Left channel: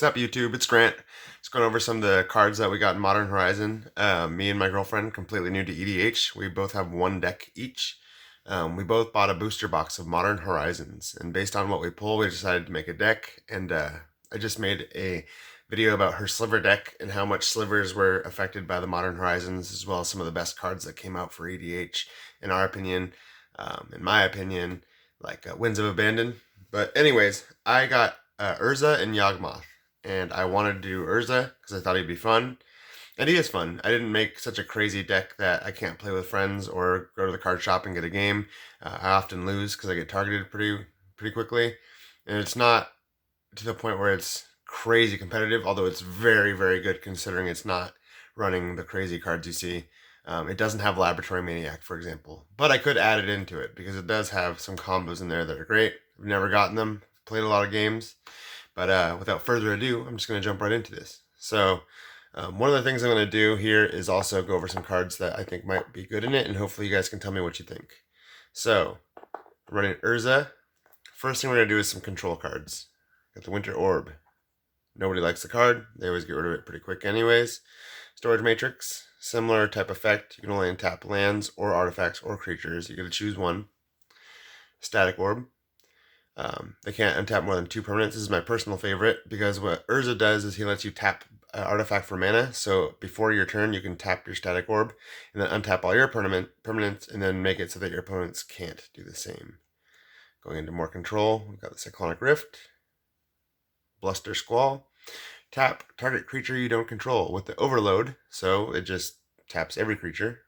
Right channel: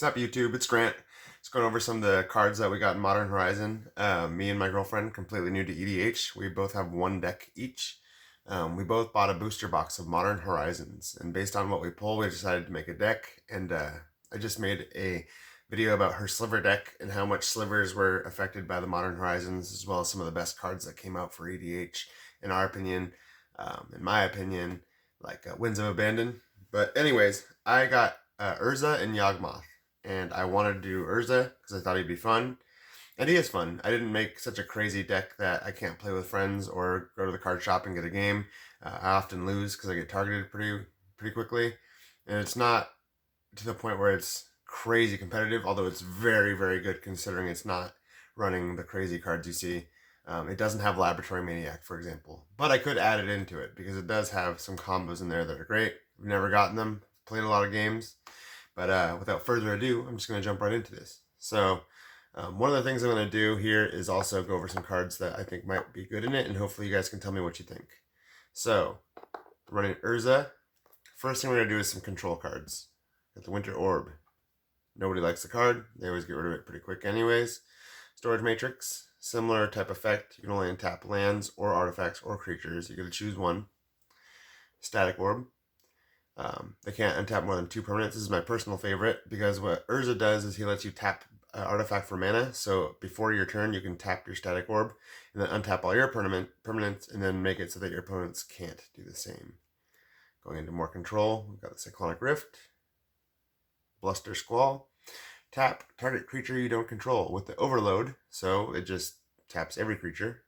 What's up, YouTube? It's Grant. Just going over some of the cards that we got in Modern Horizon. Me and my girlfriend, completely new to EDH. We both have one deck each. We both bought a booster box of Modern Horizons, and based on what we pull, we decided to make a deck. And I just made a video about her sliver deck and how much slivers were affected by the Modern Horizons, as well as some of the best cards that came out for EDH, in our opinion. In my opinion, like Winds of Abandon. But anyways, I got Urza and Yawgmoth, and I wanted to do Urza because I thought he'd be fun. And he is fun. I didn't make such a crazy deck that I can't play with friends or go to the card shop and get a game. I often lose because I get targeted pretty quickly, and it's not to the point where it's crazy competitive. Although it's very good considering it's not running the crazy cards you see. It doesn't have Laboratory Maniac, for example, but I could add it into it because it does have some combos in there that are great. I've never gotten them. Played a lot of games. But without further ado, I'm just going to jump right into this. So one of the things I'm going to do here is also go over some cards that I think might be good in it, and hopefully you guys can tell me what you think. So, running Urza. First thing we're going to do is some control cards. Got the Winter Orb. Nobody likes the card. They always get rid of it pretty quick anyways. Storage Matrix. Similar type effect. You can only untap lands or artifacts or creatures. You got to choose one. Static Orb. They can't untap more than 2 permanents. This is my personal favorite because what Urza does is he lets you tap artifact for mana. So before your turn, you can tap your Static Orb and then untap all your permanents and then make it so that your opponents can't do the same. Going into more control, we've got the Cyclonic Rift, Bluster Squall. Tap target creature you don't control with the Overload, so it just taps every creature.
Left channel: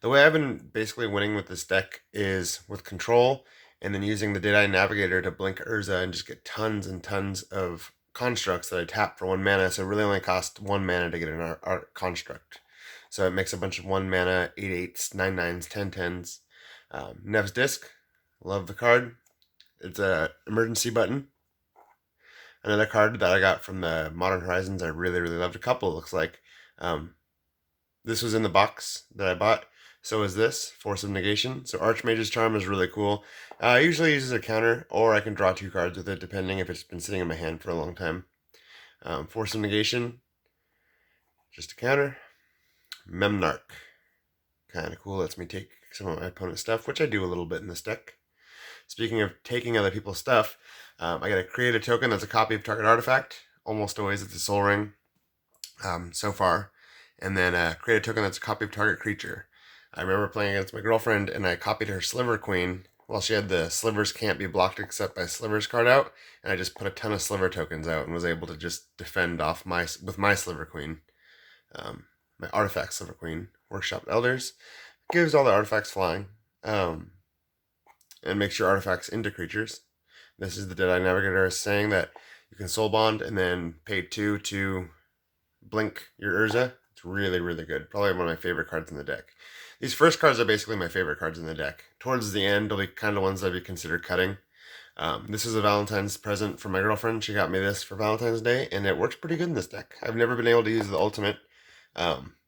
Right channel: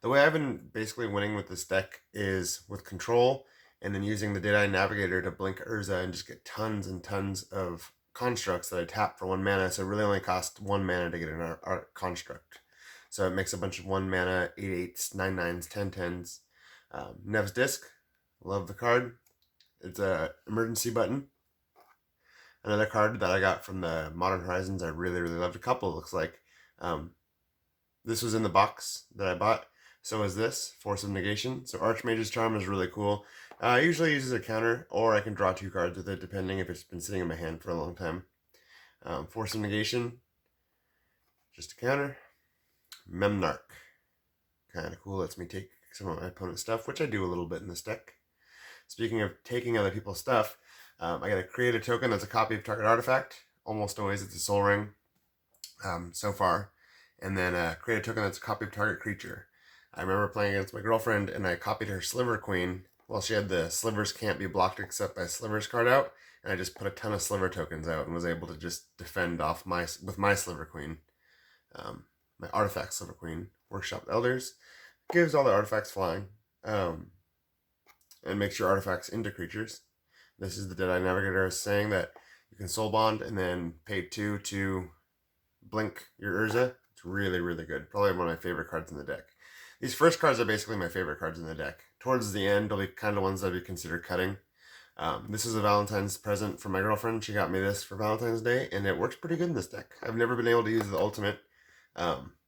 The way I've been basically winning with this deck is with control and then using the Deadeye Navigator to blink Urza and just get tons and tons of constructs that I tap for 1 mana, so it really only costs 1 mana to get an art construct. So it makes a bunch of 1 mana, 8/8s, 9/9s, 10/10s. Nev's Disc, love the card. It's a emergency button. Another card that I got from the Modern Horizons I really loved. A couple, it looks like. This was in the box that I bought. So is this, Force of Negation. So Archmage's Charm is really cool. I usually use it as a counter, or I can draw 2 cards with it, depending if it's been sitting in my hand for a long time. Force of Negation, just a counter. Memnarch, kind of cool, lets me take some of my opponent's stuff, which I do a little bit in this deck. Speaking of taking other people's stuff, I gotta create a token that's a copy of target artifact. Almost always it's a Soul Ring, so far. And then create a token that's a copy of target creature. I remember playing against my girlfriend, and I copied her Sliver Queen. Well, she had the Slivers can't be blocked except by Slivers card out, and I just put a ton of Sliver tokens out and was able to just defend off with my Sliver Queen. My artifact Sliver Queen, Workshop Elders, gives all the artifacts flying, and makes your artifacts into creatures. This is the Deadeye Navigator saying that you can Soul Bond and then pay 2 to blink your Urza. It's really good. Probably one of my favorite cards in the deck. These first cards are basically my favorite cards in the deck. Towards the end, they'll be kind of ones that I'd be considered cutting. This is a Valentine's present from my girlfriend. She got me this for Valentine's Day, and it works pretty good in this deck. I've never been able to use the ultimate.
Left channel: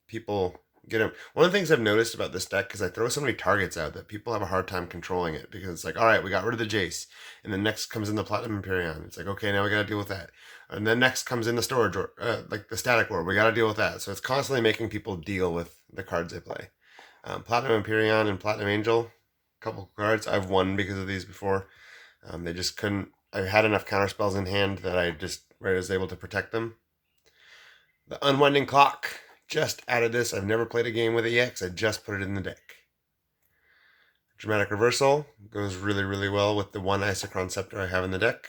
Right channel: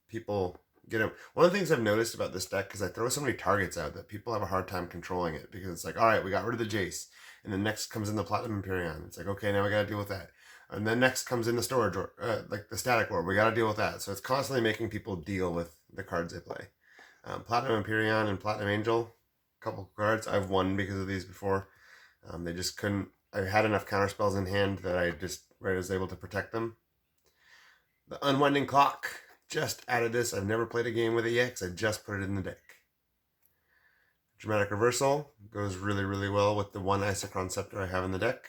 People get them. One of the things I've noticed about this deck is I throw so many targets out that people have a hard time controlling it because it's like, all right, we got rid of the Jace, and then next comes in the Platinum Empyrean. It's like, okay, now we got to deal with that. And then next comes in the storage, or like the Static Orb. We got to deal with that. So it's constantly making people deal with the cards they play. Platinum Empyrean and Platinum Angel, a couple cards. I've won because of these before. They just couldn't. I had enough counter spells in hand that I just was able to protect them. The Unwinding Clock. Just added this. I've never played a game with it yet because I just put it in the deck. Dramatic Reversal goes really well with the 1 Isochron Scepter I have in the deck.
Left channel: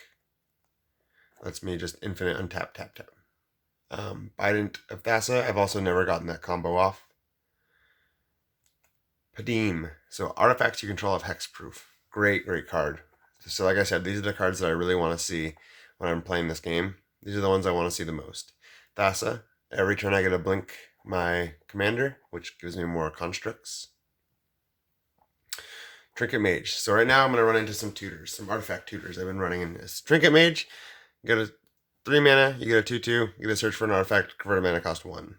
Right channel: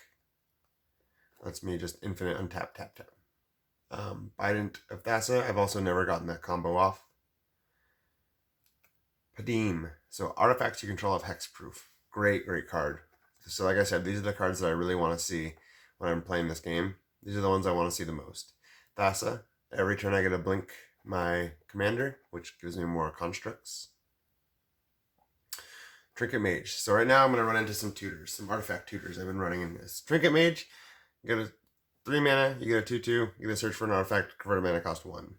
Lets me just infinite untap, tap. Bident of Thassa. I've also never gotten that combo off. Padim. So artifacts you control have hexproof. Great card. So like I said, these are the cards that I really want to see when I'm playing this game. These are the ones I want to see the most. Thassa. Every turn I get a blink my commander, which gives me more constructs. Trinket Mage. So right now I'm going to run into some tutors, some artifact tutors I've been running in this. Trinket Mage, you get a 3 mana, you get a 2/2, you get to search for an artifact, convert a mana cost 1.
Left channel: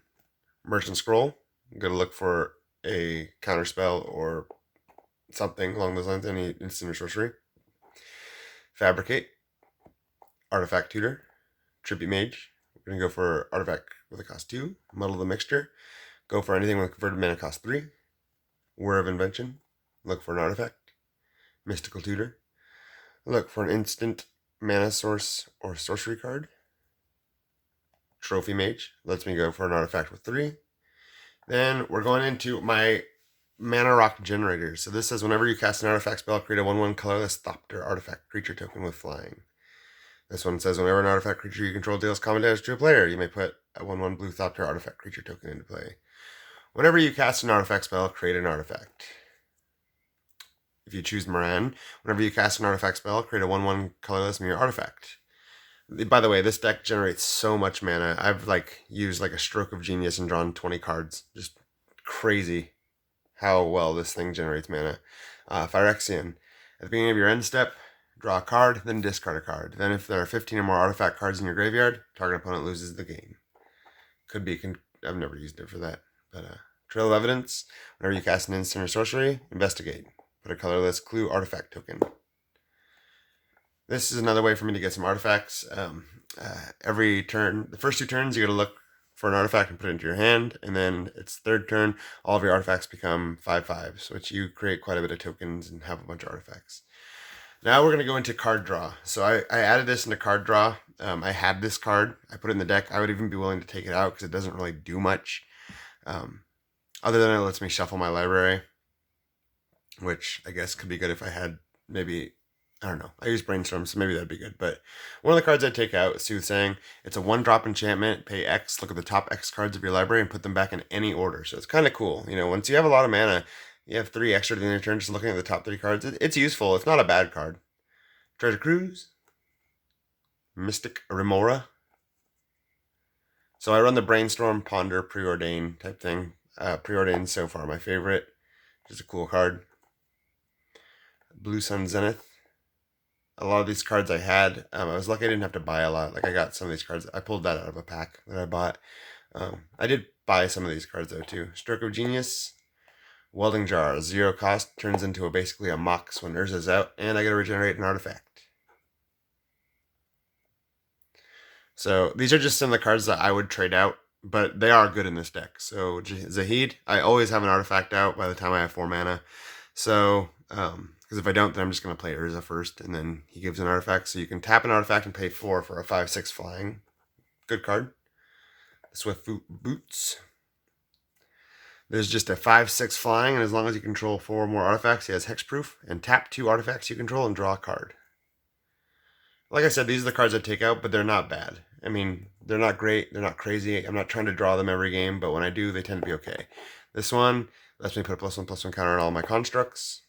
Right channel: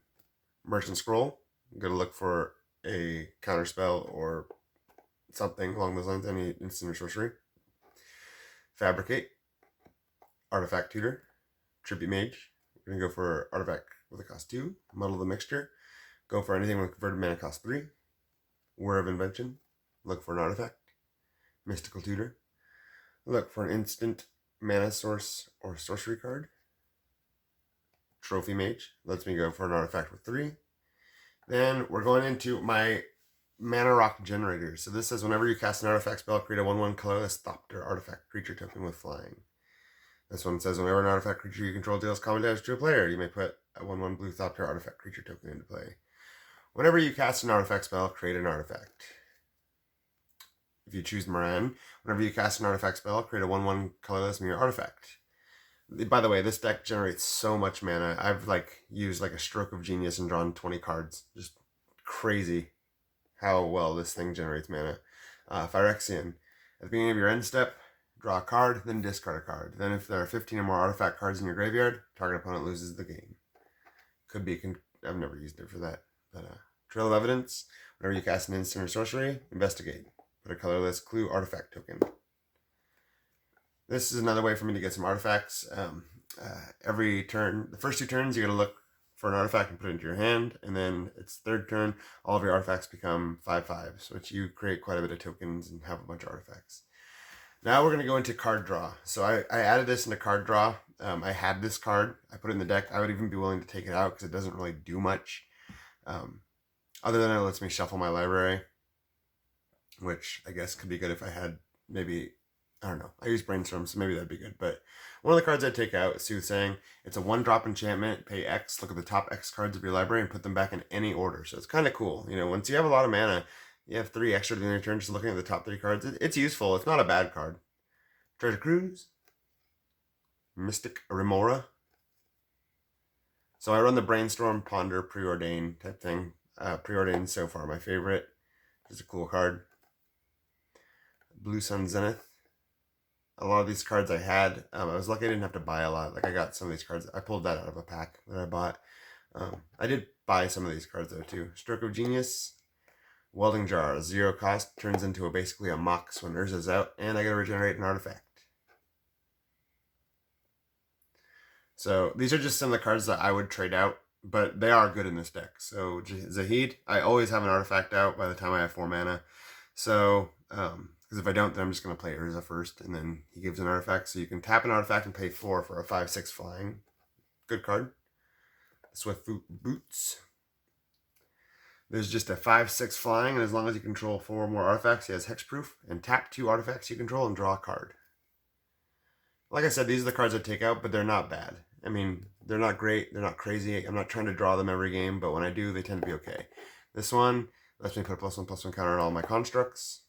Merchant Scroll, you got to look for a counter spell or something along those lines, any instant or sorcery. Fabricate, artifact tutor. Tribute Mage. We're going to go for artifact with a cost 2. Muddle the Mixture. Go for anything with converted mana cost 3. Whir of Invention. Look for an artifact. Mystical Tutor. Look for an instant mana source or sorcery card. Trophy Mage. Lets me go for an artifact with 3. Then we're going into my Mana Rock Generator. So this says whenever you cast an artifact spell, create a 1/1 colorless Thopter artifact creature token with flying. This one says whenever an artifact creature you control deals combat damage to a player, you may put a 1/1 blue Thopter artifact creature token into play. Whenever you cast an artifact spell, create an artifact. If you choose Moran, whenever you cast an artifact spell, create a 1/1 colorless mirror artifact. By the way, this deck generates so much mana. I've used a stroke of genius and drawn 20 cards. Just crazy how well this thing generates mana. Phyrexian. At the beginning of your end step, draw a card, then discard a card. Then if there are 15 or more artifact cards in your graveyard, target opponent loses the game. Could be, I've never used it for that. But Trail of Evidence. Whenever you cast an instant or sorcery, investigate. Put a colorless clue artifact token. This is another way for me to get some artifacts. Every turn, the first 2 turns, you got to look for an artifact and put it into your hand. And then it's third turn, all of your artifacts become 5/5s, which you create quite a bit of tokens and have a bunch of artifacts. Now we're going to go into card draw. So I added this into card draw. I had this card. I put it in the deck. I would even be willing to take it out because it doesn't really do much. Other than it lets me shuffle my library, which I guess could be good if I had maybe, I don't know. I use Brainstorm, so maybe that'd be good. But one of the cards I'd take out is Soothsaying. It's a 1-drop enchantment. Pay X, look at the top X cards of your library, and put them back in any order. So it's kind of cool. Once you have a lot of mana, you have 3 extra in your turn just looking at the top 3 cards. It's useful. It's not a bad card. Treasure Cruise. Mystic Remora. So I run the Brainstorm, Ponder, Preordain type thing. Preordain so far my favorite. Just a cool card. Blue Sun Zenith. A lot of these cards I had. I was lucky I didn't have to buy a lot. I got some of these cards. I pulled that out of a pack that I bought. I did buy some of these cards though too. Stroke of Genius. Welding Jar. 0 cost. Turns into basically a Mox when Urza's out. And I gotta regenerate an artifact. So these are just some of the cards that I would trade out. But they are good in this deck. So Zahid. I always have an artifact out by the time I have 4 mana. So, because if I don't, then I'm just going to play Urza first, and then he gives an artifact. So you can tap an artifact and pay 4 for a 5/6 flying. Good card. Swift Boots. There's just a 5/6 flying, and as long as you control 4 or more artifacts, he has hexproof. And tap 2 artifacts you control and draw a card. Like I said, these are the cards I take out, but they're not bad. I mean, they're not great. They're not crazy. I'm not trying to draw them every game, but when I do, they tend to be okay. This one lets me put a +1/+1 counter on all my constructs.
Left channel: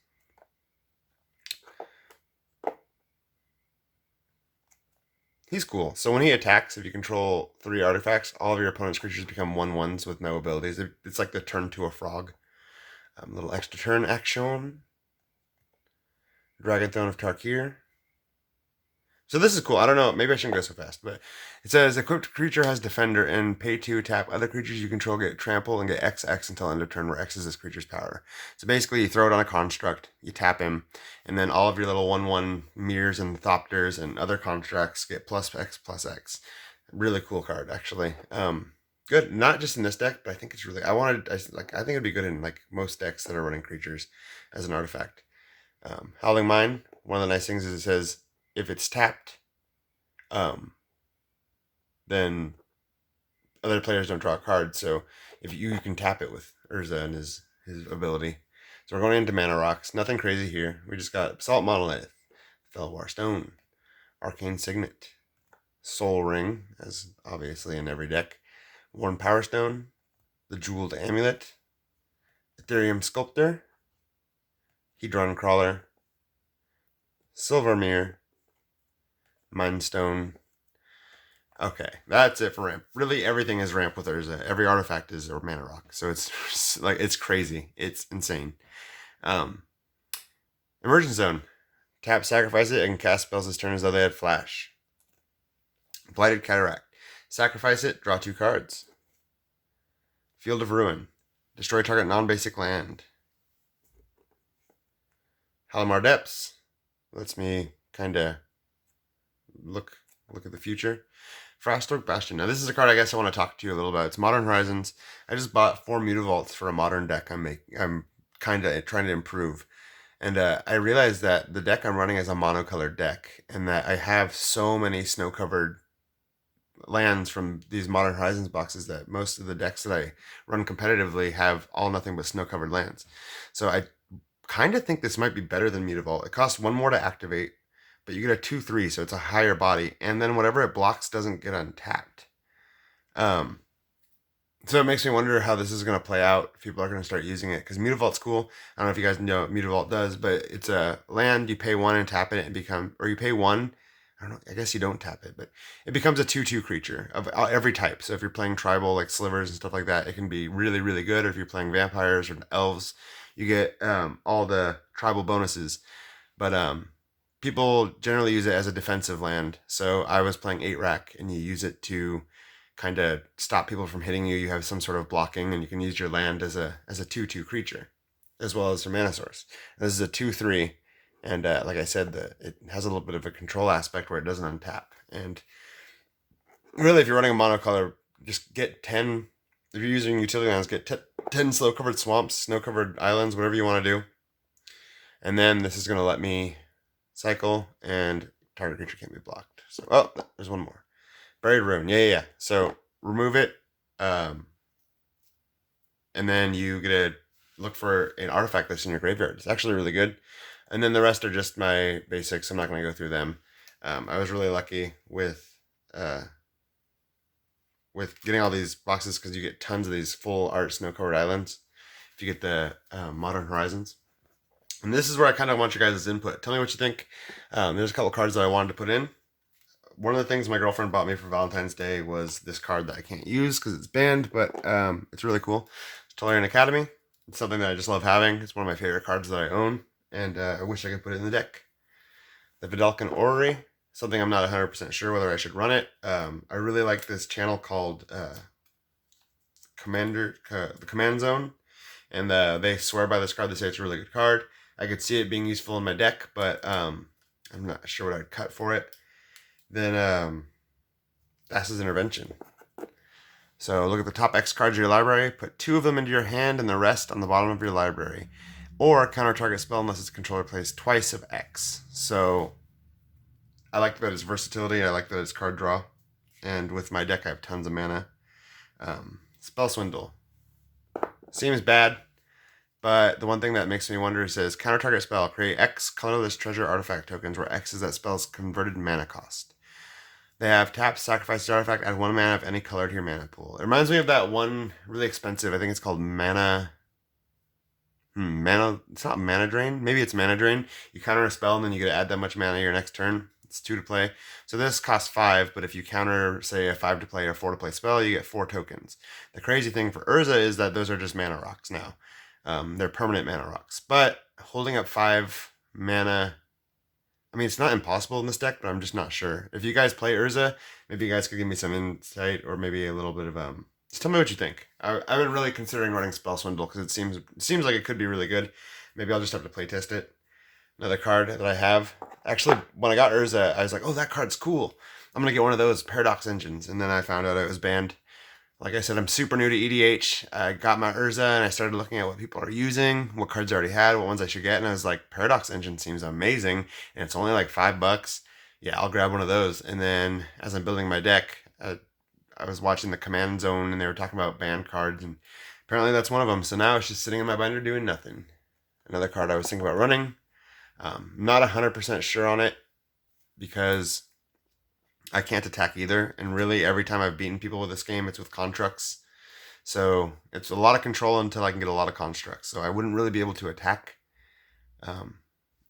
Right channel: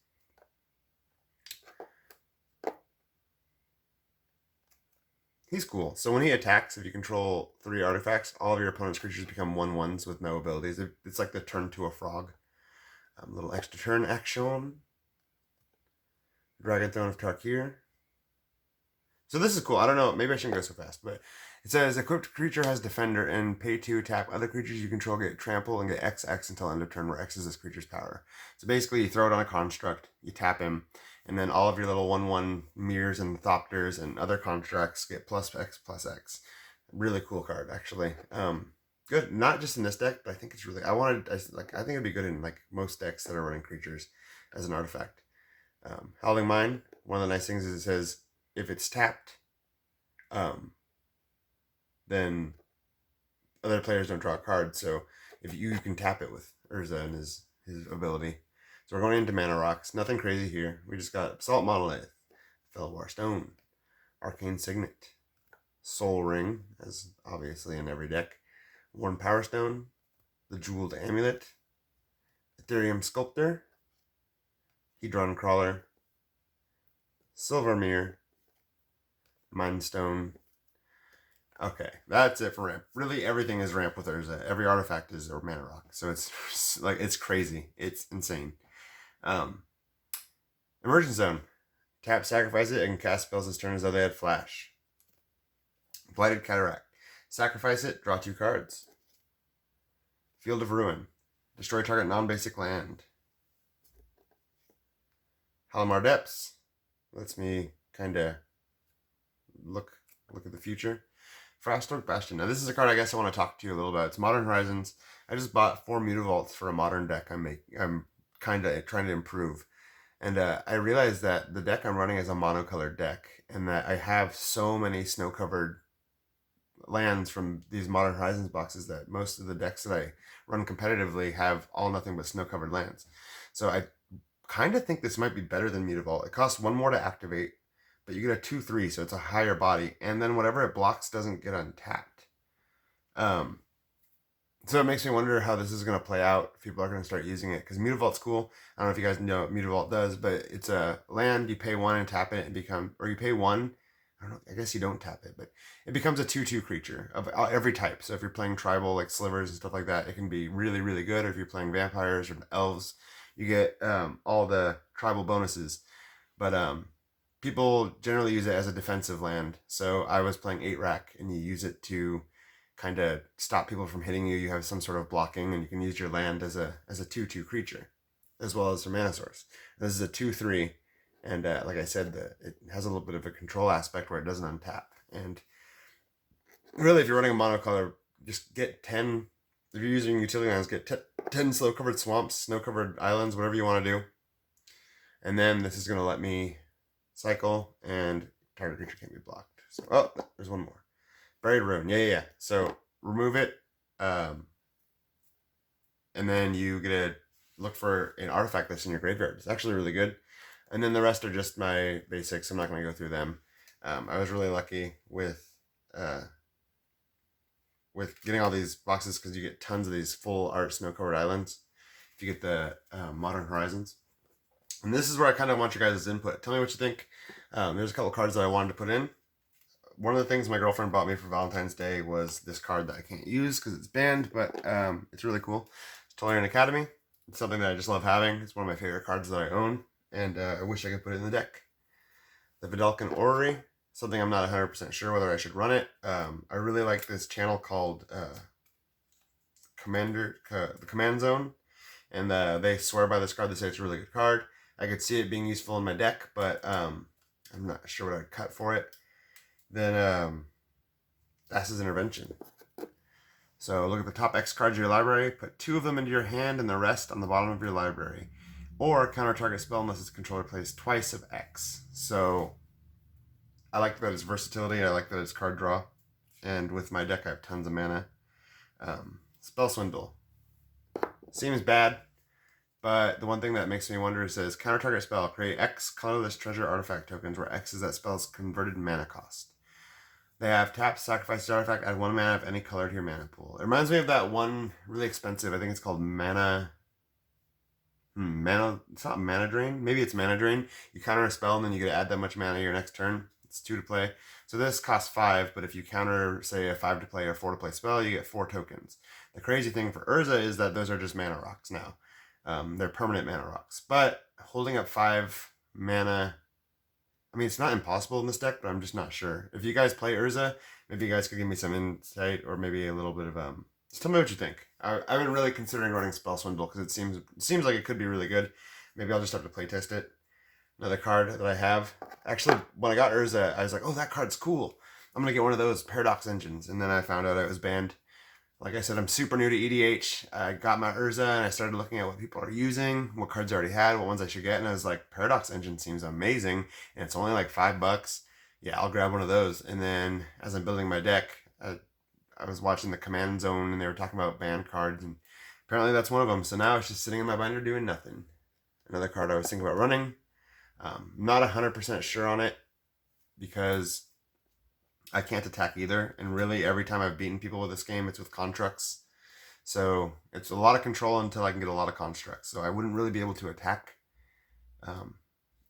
He's cool. So when he attacks, if you control 3 artifacts, all of your opponent's creatures become 1/1s with no abilities. It's like the turn to a frog. Little extra turn action. Dragon Throne of Tarkir. So this is cool. I don't know. Maybe I shouldn't go so fast. But it says, equipped creature has Defender and pay 2, tap. Other creatures you control get Trample and get XX until end of turn, where X is this creature's power. So basically, you throw it on a construct, you tap him, and then all of your little 1/1 mirrors and Thopters and other constructs get +X/+X. Really cool card, actually. Good. Not just in this deck, but I think it's really... I think it'd be good in most decks that are running creatures as an artifact. Howling Mine. One of the nice things is it says, if it's tapped, then other players don't draw a card. So if you can tap it with Urza and his ability. So we're going into Mana Rocks. Nothing crazy here. We just got Assault Monolith, Felwar Stone, Arcane Signet, Soul Ring, as obviously in every deck, Worn Power Stone, the Jeweled Amulet, Ethereum Sculptor, Hedron Crawler, Silver Mirror, Mind Stone. Okay, that's it for ramp. Really, everything is ramp with Urza. Every artifact is a mana rock. So it's it's crazy. It's insane. Immersion Zone. Tap, sacrifice it, and cast spells this turn as though they had flash. Blighted Cataract. Sacrifice it, draw 2 cards. Field of Ruin. Destroy target non-basic land. Halimar Depths. Lets me kind of look at the future. Frostroke Bastion. Now this is a card I guess I want to talk to you a little about. It's Modern Horizons. I just bought 4 Mutavaults for a modern deck I'm kind of trying to improve. And I realized that the deck I'm running is a monocolored deck, and that I have so many snow-covered lands from these Modern Horizons boxes that most of the decks that I run competitively have all nothing but snow-covered lands. So I kind of think this might be better than Mutavault. It costs 1 more to activate, but you get a 2/3, so it's a higher body, and then whatever it blocks doesn't get untapped. So it makes me wonder how this is going to play out if people are going to start using it, because Mutavault's cool. I don't know if you guys know what Mutavault does, but it's a land, you pay 1 and tap it, or you pay 1, I don't know, I guess you don't tap it, but it becomes a 2/2 creature of every type. So if you're playing tribal, like slivers and stuff like that, it can be really, really good. Or if you're playing vampires or elves, you get all the tribal bonuses. But people generally use it as a defensive land. So I was playing 8-rack, and you use it to kind of stop people from hitting you. You have some sort of blocking, and you can use your land as a 2/2 creature, as well as your mana source. This is a 2/3, and like I said, it has a little bit of a control aspect where it doesn't untap. And really, if you're running a monocolor, just get 10. If you're using utility lands, get 10 slow-covered swamps, snow-covered islands, whatever you want to do. And then this is going to let me cycle, and target creature can't be blocked. So, oh, there's one more. Buried Ruin. Yeah. So remove it, and then you get to look for an artifact that's in your graveyard. It's actually really good. And then the rest are just my basics. I'm not going to go through them. I was really lucky with getting all these boxes, because you get tons of these full art snow-covered islands if you get the Modern Horizons. And this is where I kind of want your guys' input. Tell me what you think. There's a couple cards that I wanted to put in. One of the things my girlfriend bought me for Valentine's Day was this card that I can't use because it's banned, but it's really cool. It's Tolarian Academy. It's something that I just love having. It's one of my favorite cards that I own, and I wish I could put it in the deck. The Vidalcan Orrery, something I'm not 100% sure whether I should run it. I really like this channel called the Command Zone, and they swear by this card. They say it's a really good card. I could see it being useful in my deck, but I'm not sure what I'd cut for it. Then Thassa's Intervention. So look at the top X cards of your library, put 2 of them into your hand and the rest on the bottom of your library. Or counter target spell unless its controller plays twice of X. So I like that it's versatility, I like that it's card draw. And with my deck I have tons of mana. Spell Swindle. Seems bad, but the one thing that makes me wonder is, says counter target spell, create X colorless treasure artifact tokens, where X is that spell's converted mana cost. They have tap, sacrifice the artifact, add 1 mana of any color to your mana pool. It reminds me of that one really expensive, I think it's called Mana. It's not Mana Drain. Maybe it's Mana Drain. You counter a spell and then you get to add that much mana your next turn. It's 2 to play. So this costs 5, but if you counter, say, a 5 to play or 4 to play spell, you get 4 tokens. The crazy thing for Urza is that those are just mana rocks now. They're permanent mana rocks. But holding up 5 mana, I mean, it's not impossible in this deck, but I'm just not sure. If you guys play Urza, maybe you guys could give me some insight, or maybe a little bit of just tell me what you think. I've been really considering running Spell Swindle because it seems like it could be really good. Maybe I'll just have to play test it. Another card that I have. Actually, when I got Urza, I was like, oh, that card's cool. I'm gonna get one of those Paradox Engines, and then I found out it was banned. Like I said, I'm super new to EDH. I got my Urza, and I started looking at what people are using, what cards I already had, what ones I should get, and I was like, Paradox Engine seems amazing, and it's only like $5. Yeah, I'll grab one of those. And then as I'm building my deck, I was watching the Command Zone, and they were talking about banned cards, and apparently that's one of them. So now it's just sitting in my binder doing nothing. Another card I was thinking about running. Not 100% sure on it because I can't attack either, and really every time I've beaten people with this game, it's with constructs. So it's a lot of control until I can get a lot of constructs. So I wouldn't really be able to attack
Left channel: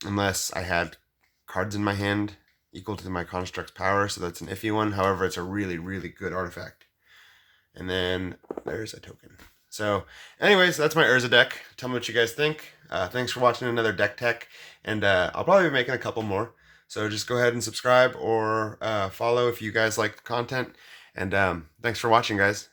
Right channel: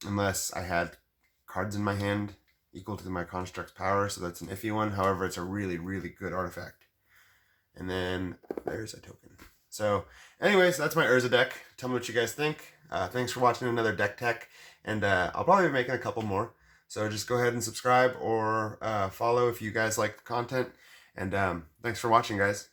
unless I had cards in my hand equal to my construct's power. So that's an iffy one. However, it's a really, really good artifact. And then there's a token. So anyways, that's my Urza deck. Tell me what you guys think. Thanks for watching another deck tech, and I'll probably be making a couple more. So just go ahead and subscribe or follow if you guys like the content. And thanks for watching, guys.